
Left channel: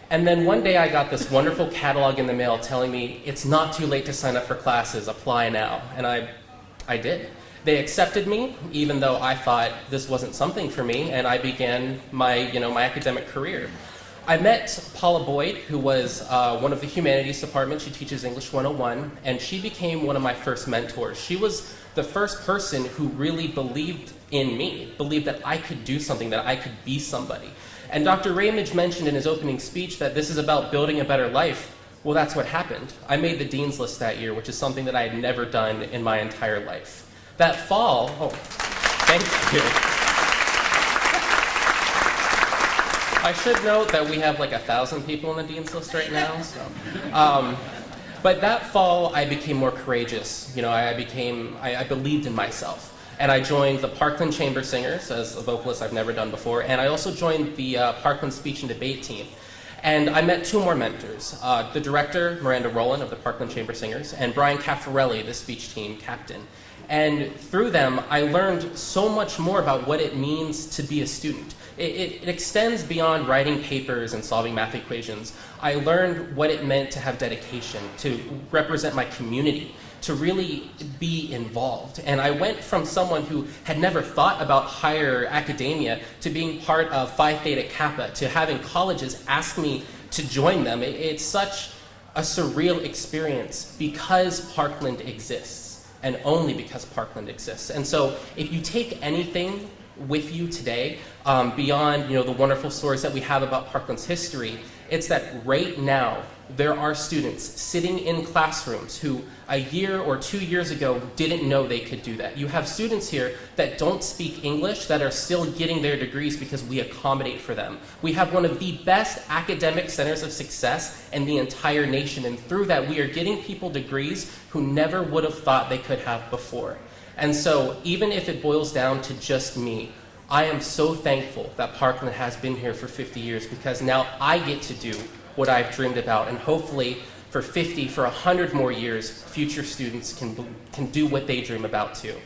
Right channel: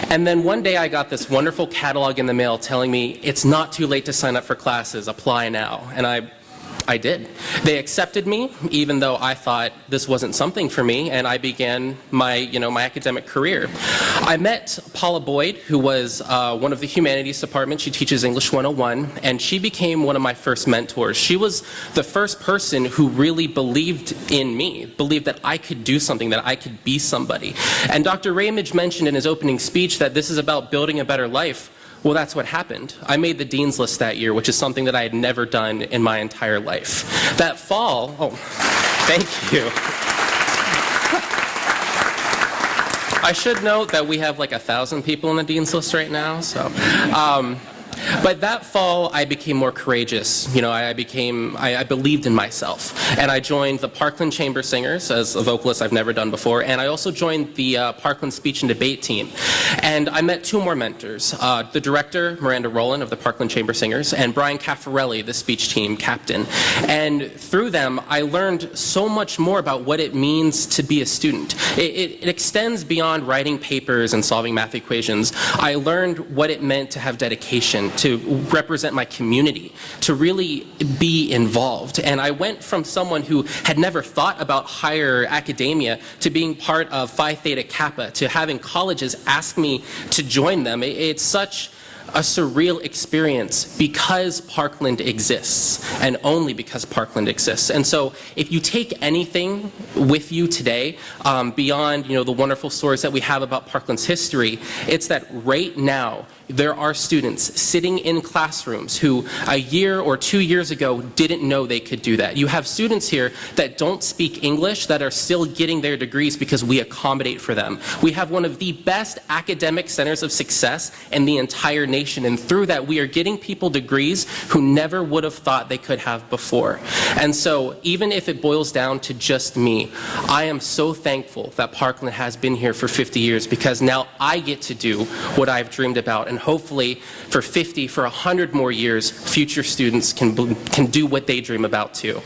And then one day I got this wonderful catalog in the mail telling me, it's not too late to sign up for classes, apply now. And I did. They accepted me, even though I thought this wasn't something for me, and I began my, you know, my academic career. I met Paula Boyd, who was one of the humanities departments. She teaches English 101, and she became one of my first mentors. She was the first person who really believed in me, believed that I could do something, that I could be somebody. And Dr. Ramage mentioned in his opening speech that this is about building a better life. Well, that's what happened. I made the Dean's List that year, which is something that I had never done in my entire life. That fall, oh, thank you. I should note that we have like 1,000 people in the Dean's List right now, so. But that fall, I became more courageous. You know, I believed in myself. And I joined the Parkland Chamber Singers as a vocalist I've never done before. And I also joined the Parkland Speech and Debate team. And I met 2 more mentors. The director, Miranda Rowland of the Parkland Chamber Singers, and Brian Caffarelli, the speech team captain. And through them, I learned so much more about what it means to be a student. It extends beyond writing papers and solving math equations. I learned what it meant to have dedication, to represent my community, to really be involved. And I went from someone who had never thought about higher academia to being part of Phi Theta Kappa, to having colleges ask me to join them. It's such a surreal experience because Parkland exists, and only because Parkland exists. And so if you take anything with you today, beyond the wonderful stories that we have about Parkland's history, it's that right now there are students sitting in classrooms who a year or 2 years ago didn't know they could do that. You have students here that don't speak English that are still getting their degrees because we accommodate for them. We have one of the best academic centers of success in the entire nation, and through that we are getting people degrees who never would have thought they could have before. And so even if it boils down to just me, I am so thankful that Parkland has been here for 50 years, because now I get to do what I've dreamed about. And hopefully for 50, for 100 more years, future students can do what they dream about too.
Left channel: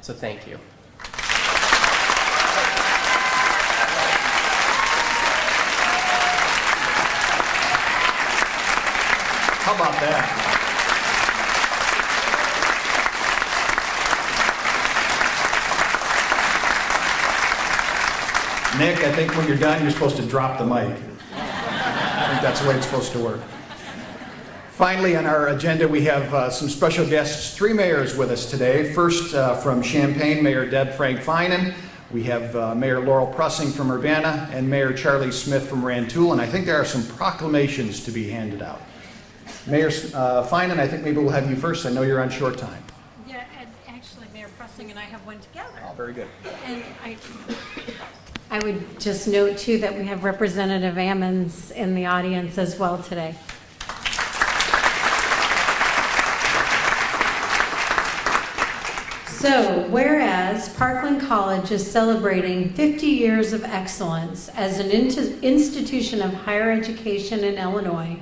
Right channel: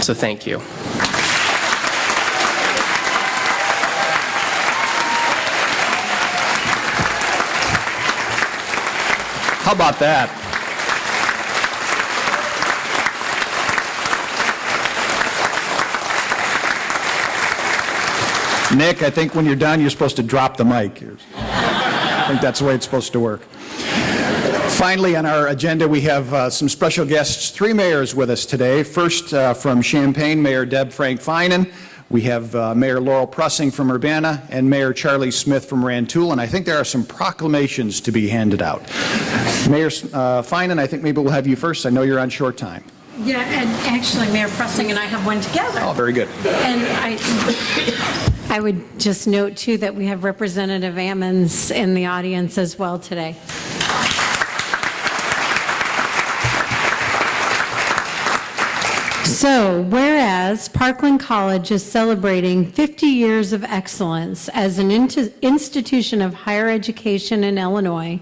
So thank you. How about that? Nick, I think when you're done, you're supposed to drop the mic. I think that's the way it's supposed to work. Finally, on our agenda, we have some special guests, 3 mayors with us today. First, from Champaign, Mayor Deb Frank Finan. We have Mayor Laurel Pressing from Urbana and Mayor Charlie Smith from Rantoul, and I think there are some proclamations to be handed out. Mayor Finan, I think maybe we'll have you first. I know you're on short time. Yeah, and actually Mayor Pressing and I have one together. Oh, very good. And I would just note, too, that we have Representative Ammons in the audience as well today. So, whereas Parkland College is celebrating 50 years of excellence as an institution of higher education in Illinois,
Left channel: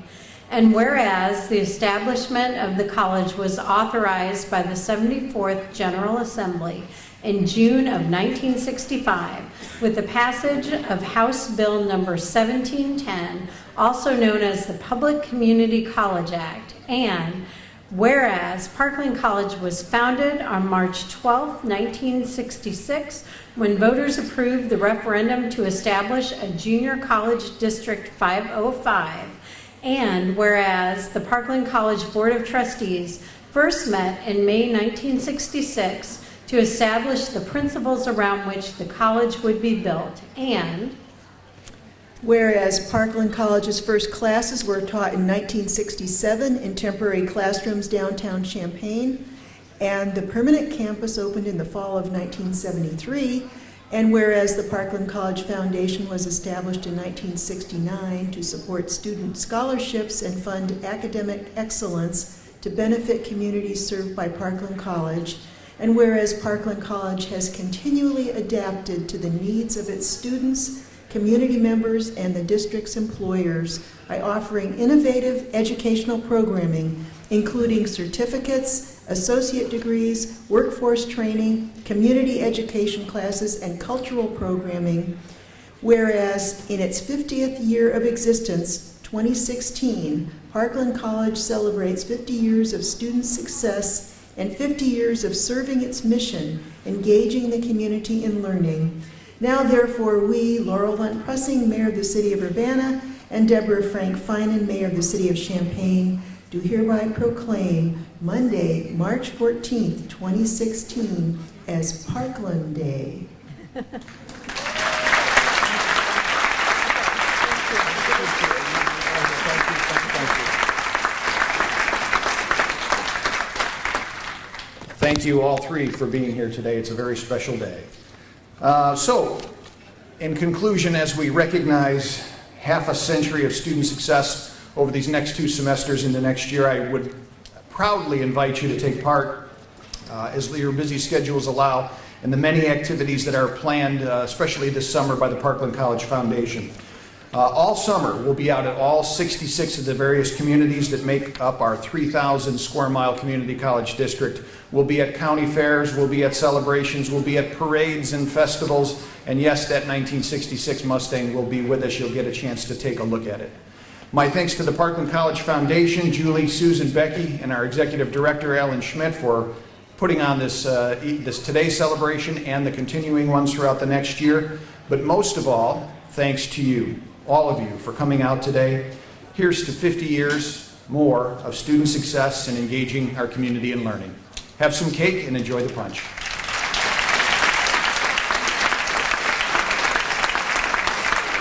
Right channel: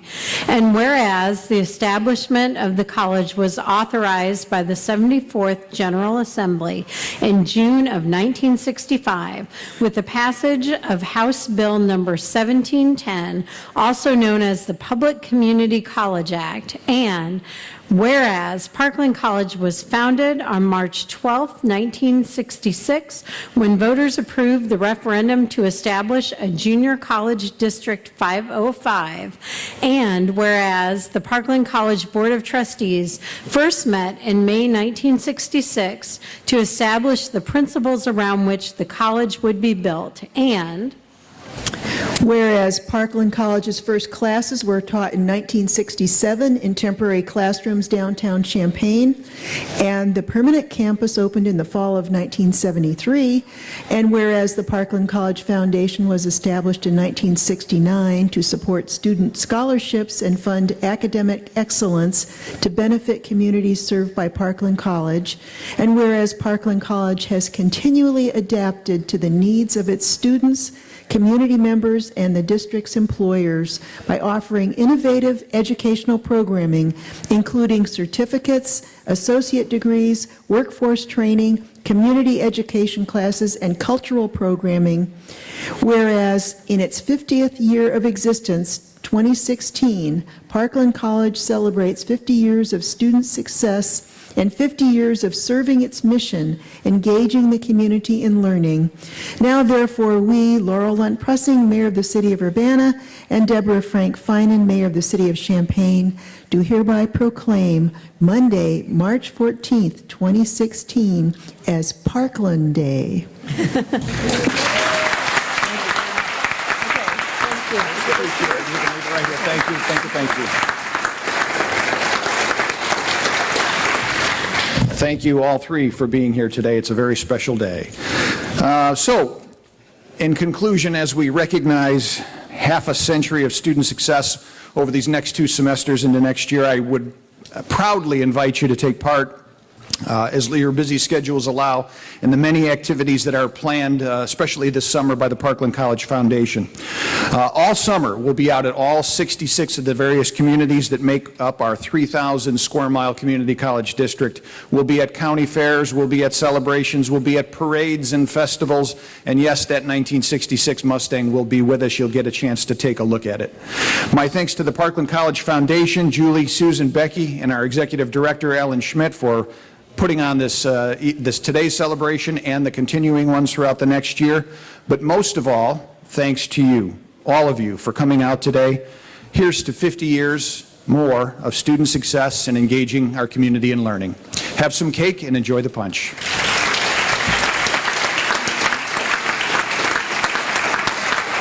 and whereas the establishment of the college was authorized by the 74th General Assembly in June of 1965 with the passage of House Bill number 1710, also known as the Public Community College Act, and whereas Parkland College was founded on March 12, 1966, when voters approved the referendum to establish a junior college district 505, and whereas the Parkland College Board of Trustees first met in May 1966 to establish the principles around which the college would be built, and whereas Parkland College's first classes were taught in 1967 in temporary classrooms downtown Champaign, and the permanent campus opened in the fall of 1973, and whereas the Parkland College Foundation was established in 1969 to support student scholarships and fund academic excellence to benefit communities served by Parkland College, and whereas Parkland College has continually adapted to the needs of its students, community members, and the district's employers by offering innovative educational programming, including certificates, associate degrees, workforce training, community education classes, and cultural programming. Whereas in its 50th year of existence, 2016, Parkland College celebrates 50 years of student success and 50 years of serving its mission, engaging the community in learning. Now, therefore, we, Laurel Lunt Pressing, Mayor of the City of Urbana, and Deborah Frank Finan, Mayor of the City of Champaign, do hereby proclaim Monday, March 14th, 2016, as Parkland Day. Thank you. Thank you all 3 for being here today. It's a very special day. So, in conclusion, as we recognize half a century of student success over these next 2 semesters into next year, I would proudly invite you to take part, as your busy schedules allow, in the many activities that are planned, especially this summer by the Parkland College Foundation. All summer, we'll be out at all 66 of the various communities that make up our 3,000 square mile community college district. We'll be at county fairs, we'll be at celebrations, we'll be at parades and festivals, and yes, that 1966 Mustang will be with us. You'll get a chance to take a look at it. My thanks to the Parkland College Foundation, Julie, Susan, Becky, and our executive director, Alan Schmidt, for putting on this today's celebration and the continuing ones throughout the next year. But most of all, thanks to you, all of you, for coming out today. Here's to 50 years more of student success and engaging our community in learning. Have some cake and enjoy the punch.